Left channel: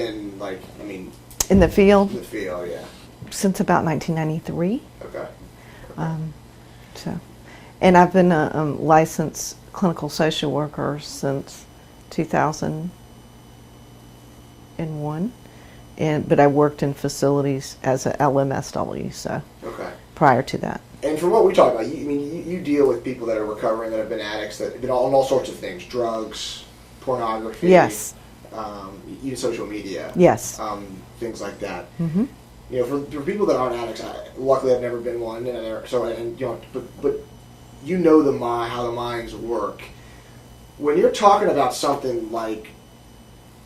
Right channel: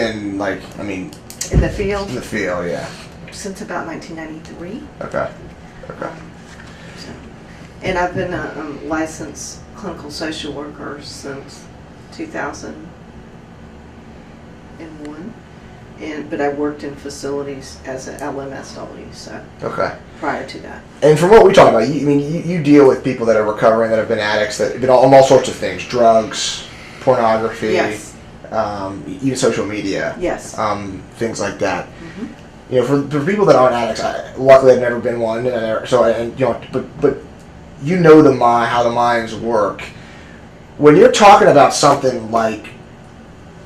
been in the field? In the field, yeah. Since about 1993. Okay. And I've been a licensed clinical social worker since 2001. But I worked in facilities as an LMSW, so prior to that. And from what we talk about, you deal with people that are recovering, that have been addicts, that have been on all sorts of things, drugs, pornography, yes, even social media, yes, things like that. Mm-hmm. For people that aren't addicts, luckily I've never been one, but you know how the minds work. When you're talking about something like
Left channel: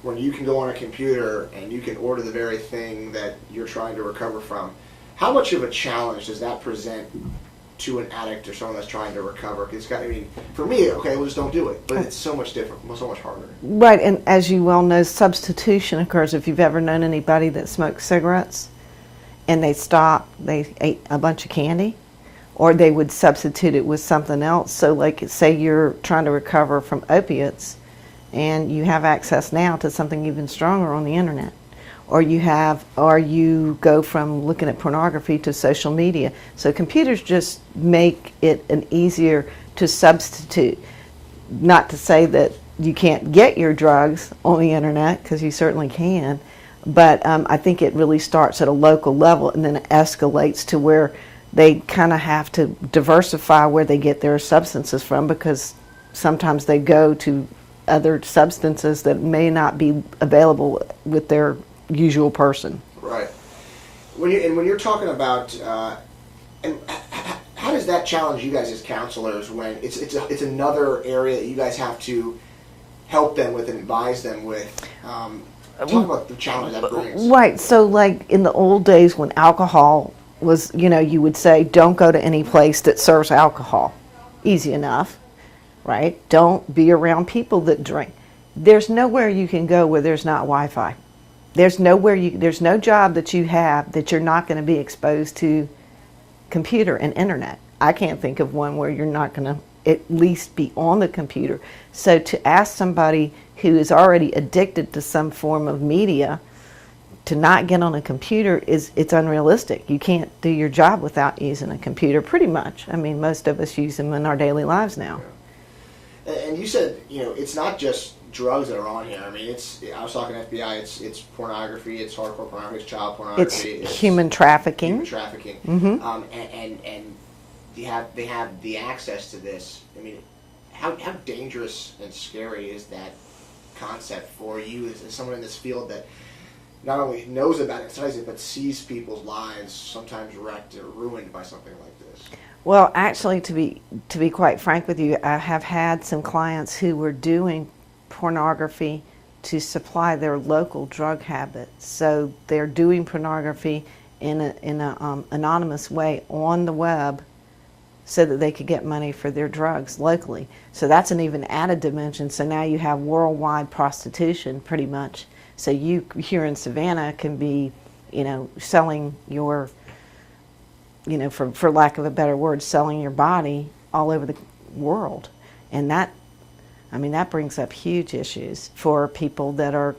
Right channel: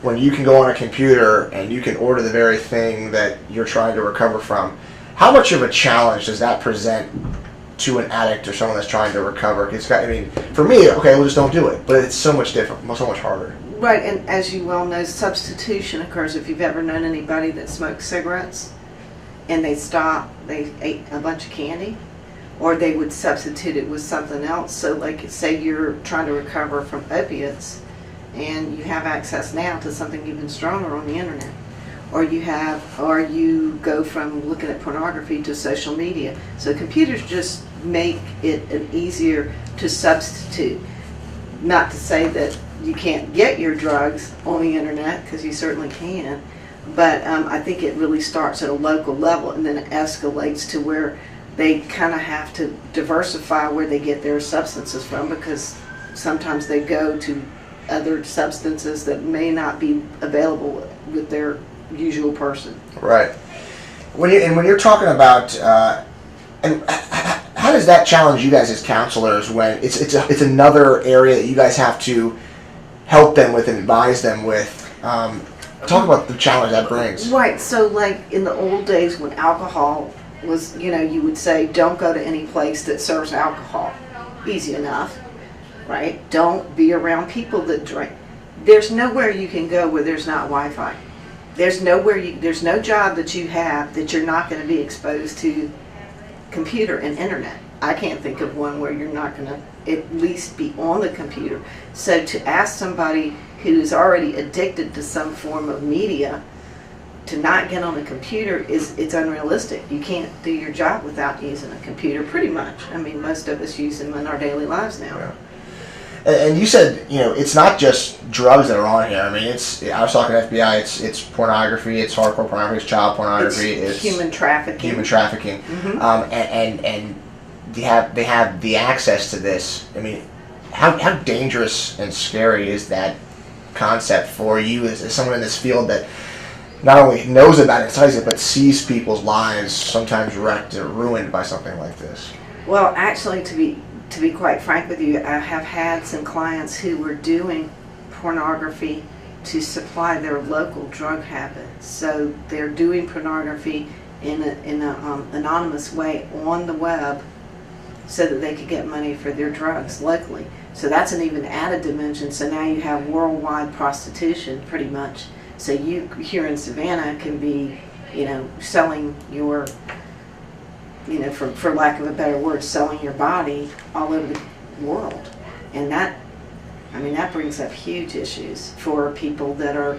when you can go on a computer and you can order the very thing that you're trying to recover from, how much of a challenge does that present to an addict or someone that's trying to recover? For me, okay, we'll just don't do it. But it's so much different, so much harder. Right, and as you well know, substitution occurs. If you've ever known anybody that smoked cigarettes and they ate a bunch of candy, or they would substitute it with something else. So like, say you're trying to recover from opiates, and you have access now to something even stronger on the internet, or you go from looking at pornography to social media. So computers just make it an easier to substitute. Not to say that you can't get your drugs on the internet, because you certainly can, but I think it really starts at a local level and then it escalates to where they kind of have to diversify where they get their substances from, because sometimes they go to other substances that may not be available with their usual person. Right. When you're talking about, and how does that challenge you guys as counselors when it's another area that you guys have to help them with and advise them with? Talk about the challenge that brings. Right. So like in the old days when alcohol was, you would say, don't go to any place that serves alcohol. Easy enough. Right? Don't be around people that drink. There's nowhere you can go where there's not Wi-Fi. There's no job that you have that you're not going to be exposed to computer and internet. I can't think of one where you're not going to at least be on the computer. So to ask somebody who is already addicted to some form of media to not get on a computer it's unrealistic. You can't do your job without using a computer, pretty much. Most of us use them in our daily lives now. Yeah. And you said, it's not just drugs that are on here. I was talking to FBI. It's pornography. It's hardcore pornography. It's child pornography. It's human trafficking. Mm-hmm. And they have the access to this. How dangerous and scary is that concept for you as someone in this field that not only knows about it, studies it, but sees people's lives sometimes wrecked or ruined by something like this? Well, actually, to be quite frank with you, I have had some clients who were doing pornography to supply their local drug habits. So they're doing pornography in an anonymous way on the web so that they could get money for their drugs locally. So that's an even added dimension. So now you have worldwide prostitution, pretty much. So you here in Savannah can be, selling your, for lack of a better word, selling your body all over the world. And that brings up huge issues for people that are,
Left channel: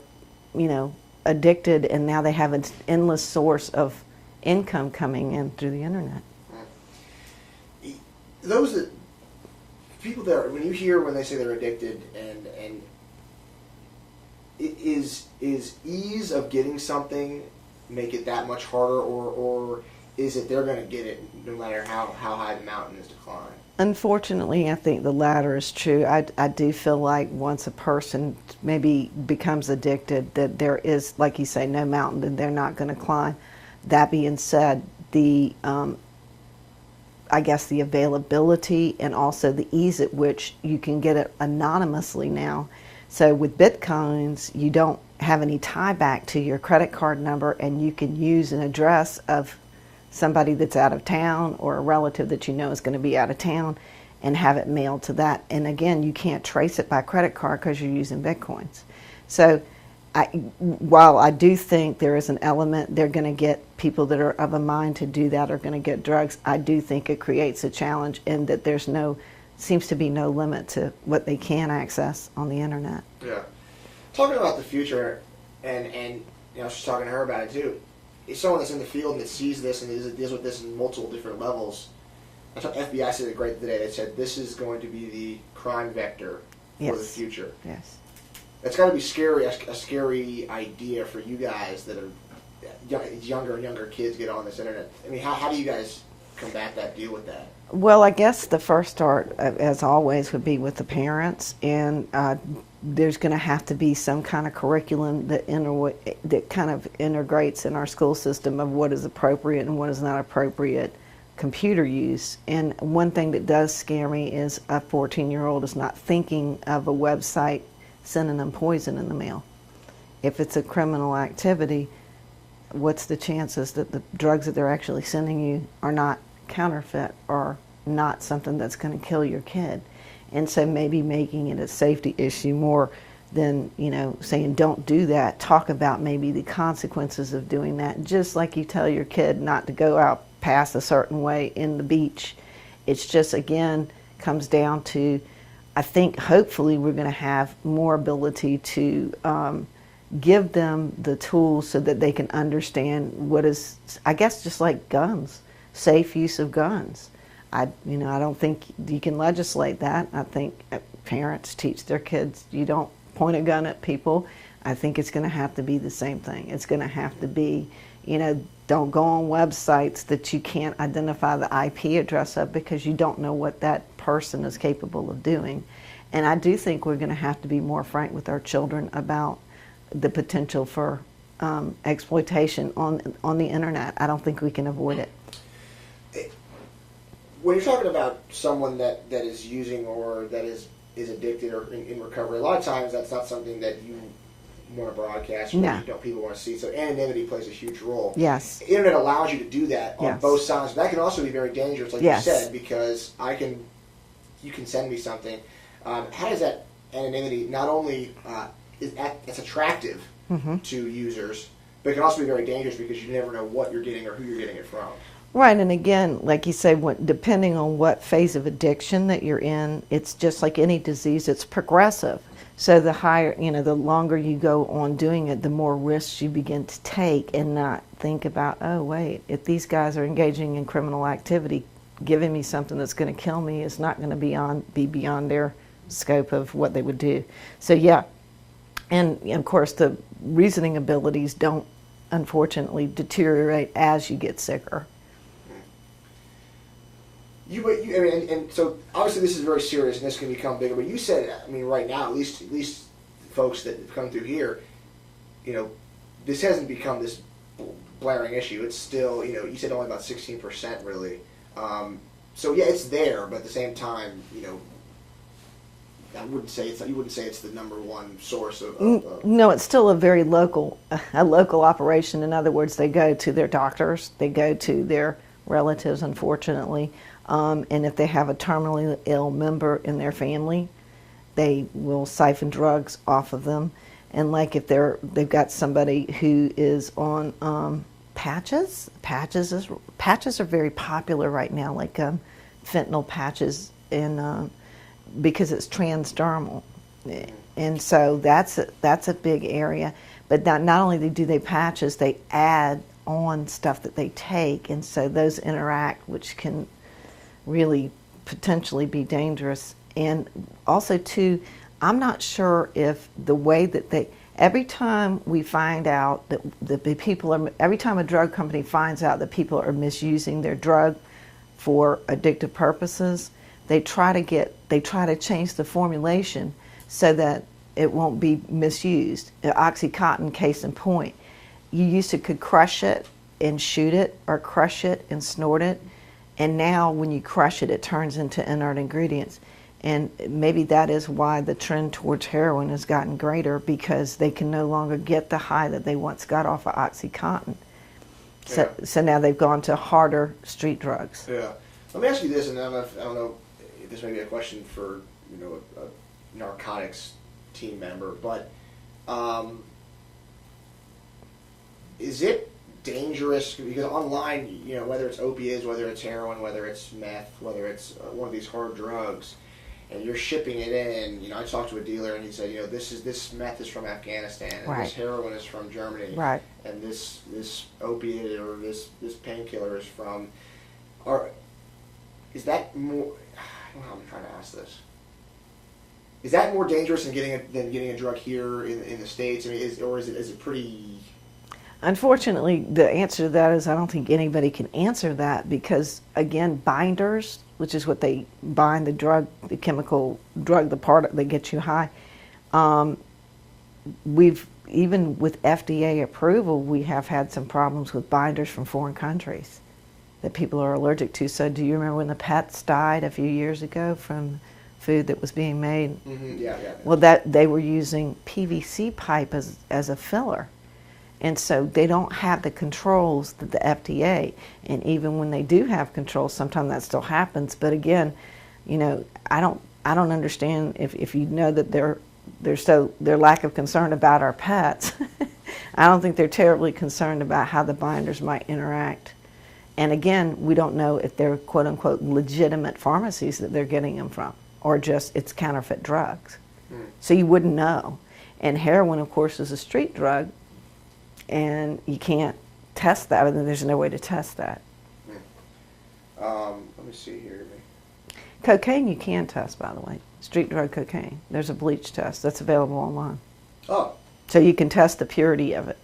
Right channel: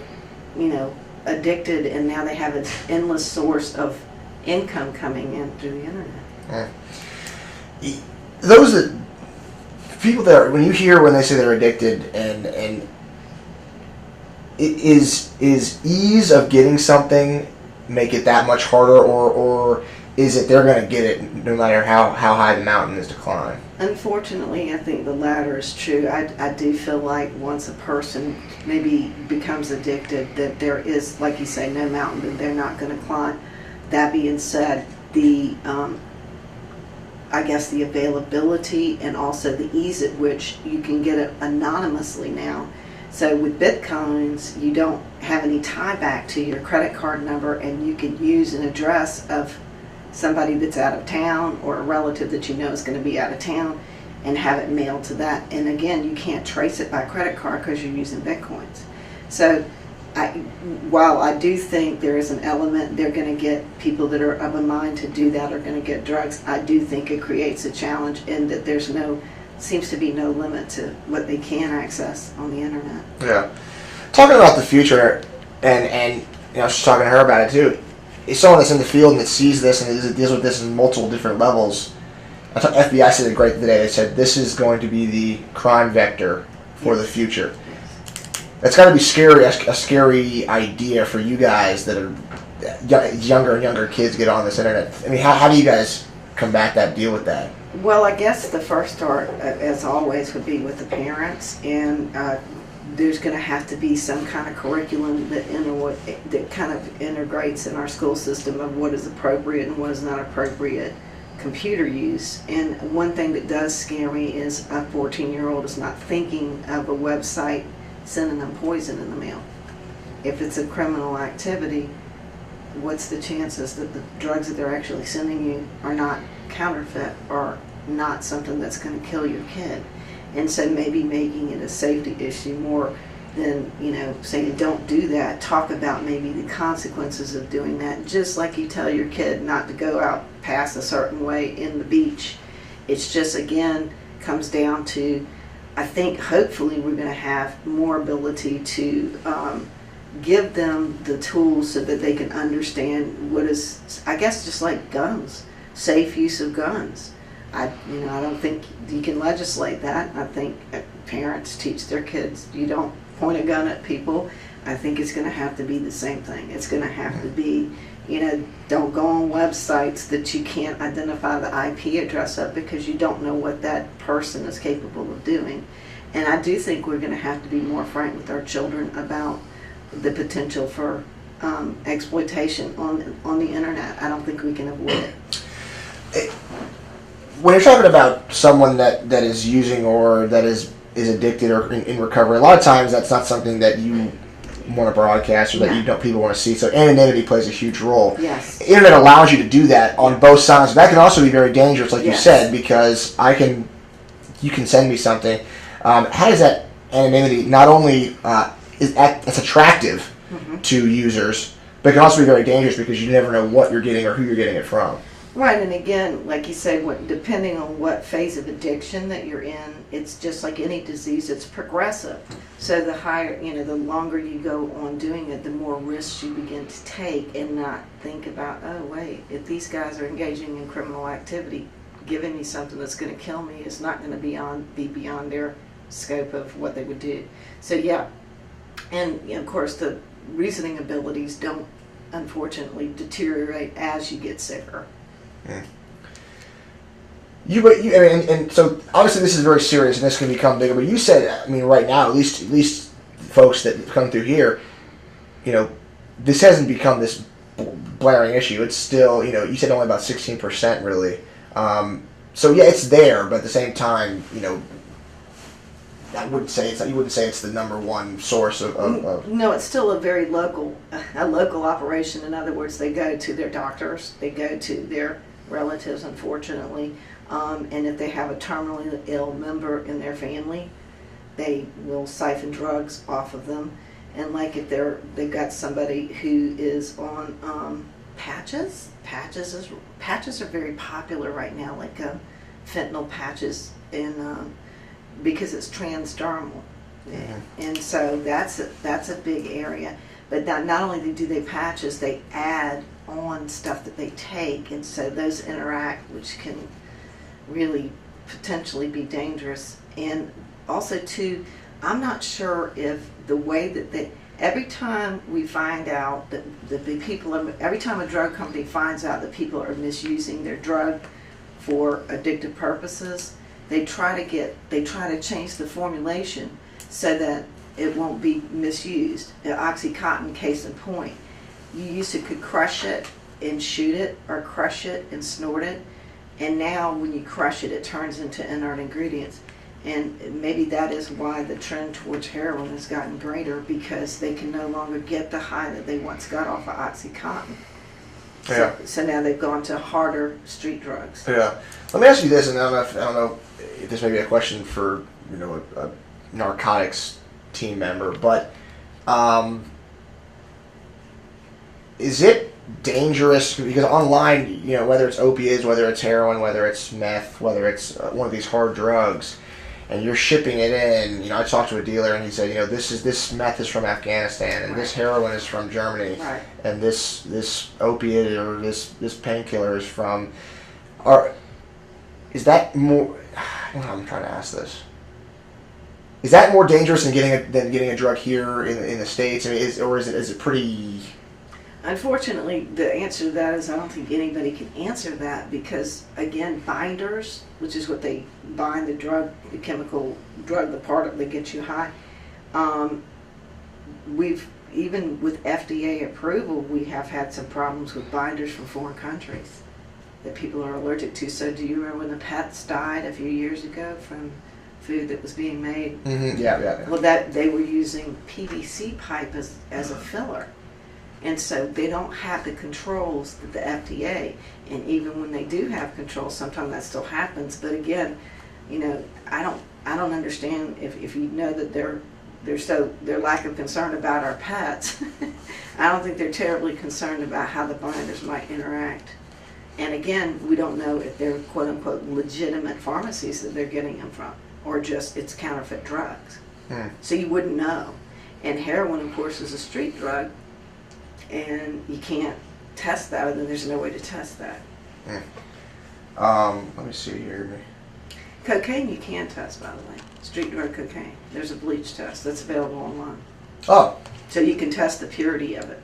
addicted, and now they have an endless source of income coming in through the internet. Those that people that when they say they're addicted, and is ease of getting something make it that much harder, or is it they're going to get it no matter how high the mountain is to climb? Unfortunately, I think the latter is true. I do feel like once a person maybe becomes addicted, that there is, like you say, no mountain that they're not going to climb. That being said, I guess the availability and also the ease at which you can get it anonymously now. So with Bitcoins, you don't have any tie back to your credit card number, and you can use an address of somebody that's out of town or a relative that you know is going to be out of town and have it mailed to that. And again, you can't trace it by credit card because you're using Bitcoins. So while I do think there is an element, they're going to get people that are of a mind to do that are going to get drugs. I do think it creates a challenge in that seems to be no limit to what they can access on the internet. Yeah. Talking about the future, And I was just talking to her about it too. It's someone that's in the field and that sees this and deals with this in multiple different levels. I thought FBI said it great today. They said this is going to be the crime vector for the future. Yes. That's got to be scary, a scary idea for you guys that are younger and younger kids get on this internet. I mean, how do you guys combat that, deal with that? Well, I guess the first start, as always, would be with the parents, and there's going to have to be some kind of curriculum that kind of integrates in our school system of what is appropriate and what is not appropriate computer use. And one thing that does scare me is a 14-year-old is not thinking of a website sending them poison in the mail. If it's a criminal activity, what's the chances that the drugs that they're actually sending you are not counterfeit or not something that's going to kill your kid? And so maybe making it a safety issue more than, saying don't do that. Talk about maybe the consequences of doing that. Just like you tell your kid not to go out past a certain way in the beach. It's just, again, comes down to, I think hopefully we're going to have more ability to give them the tools so that they can understand what is, I guess, just like guns, safe use of guns. I don't think you can legislate that. I think parents teach their kids you don't point a gun at people. I think it's going to have to be the same thing. It's going to have to be, don't go on websites that you can't identify the IP address of because you don't know what that person is capable of doing. And I do think we're going to have to be more frank with our children about the potential for exploitation on the internet. I don't think we can avoid it. When you're talking about someone that is using or that is addicted or in recovery, a lot of times that's not something that you want to broadcast or that people want to see. So anonymity plays a huge role. Yes. Internet allows you to do that on both sides. That can also be very dangerous, like you said, because you can send me something. How does that anonymity not only it's attractive to users, but it can also be very dangerous because you never know what you're getting or who you're getting it from. Right, and again, like you say, depending on what phase of addiction that you're in, it's just like any disease, it's progressive. So the higher, the longer you go on doing it, the more risks you begin to take and not think about, oh wait, if these guys are engaging in criminal activity, giving me something that's going to kill me is not going to be beyond their scope of what they would do. So yeah, and of course the reasoning abilities don't unfortunately deteriorate as you get sicker. And so obviously this is very serious and this can become bigger. But you said, right now, at least folks that come through here, this hasn't become this blaring issue. It's still, you said only about 16% really. So yeah, it's there, but at the same time, I wouldn't say it's the number one source of. No, it's still a very local operation. In other words, they go to their doctors, they go to their relatives, unfortunately, and if they have a terminally ill member in their family, they will siphon drugs off of them. And like if they've got somebody who is on patches are very popular right now, like fentanyl patches, and because it's transdermal, and so that's a big area. But not only do they patches, they add on stuff that they take, and so those interact, which can really potentially be dangerous. And also too, I'm not sure if the way that every time we find out that the people are, every time a drug company finds out that people are misusing their drug for addictive purposes, they try to change the formulation so that it won't be misused. The OxyContin, case in point, you could crush it and shoot it, or crush it and snort it, and now when you crush it, it turns into inert ingredients. And maybe that is why the trend towards heroin has gotten greater, because they can no longer get the high that they once got off of OxyContin. So now they've gone to harder street drugs. Yeah. Let me ask you this, and I don't know if this may be a question for a narcotics team member, but is it dangerous, because online, whether it's opiates, whether it's heroin, whether it's meth, whether it's one of these hard drugs, and you're shipping it in. You know, I talked to a dealer and he said, you know, this meth is from Afghanistan, and this heroin is from Germany, Right. and this opiate or this painkiller is from. Is that more? I'm trying to ask this. Is that more dangerous than getting a drug here in the States? I mean, is it pretty? Unfortunately, the answer to that is I don't think anybody can answer that because, again, binders, which is what they bind the drug, the chemical drug, the part that gets you high. We've, even with FDA approval, we have had some problems with binders from foreign countries that people are allergic to. So do you remember when the pets died a few years ago from food that was being made? Mm-hmm. Yeah. Well, that they were using PVC pipe as a filler. And so they don't have the controls that the FDA, and even when they do have controls, sometimes that still happens. But again, you know, I don't understand if you know that their lack of concern about our pets. I don't think they're terribly concerned about how the binders might interact. And again, we don't know if they're quote unquote legitimate pharmacies that they're getting them from, or just it's counterfeit drugs. So you wouldn't know. And heroin, of course, is a street drug. And you can't test that, and then there's no way to test that. Let me see here. Cocaine you can test, by the way. Street drug cocaine. There's a bleach test that's available online. Oh. So you can test the purity of it.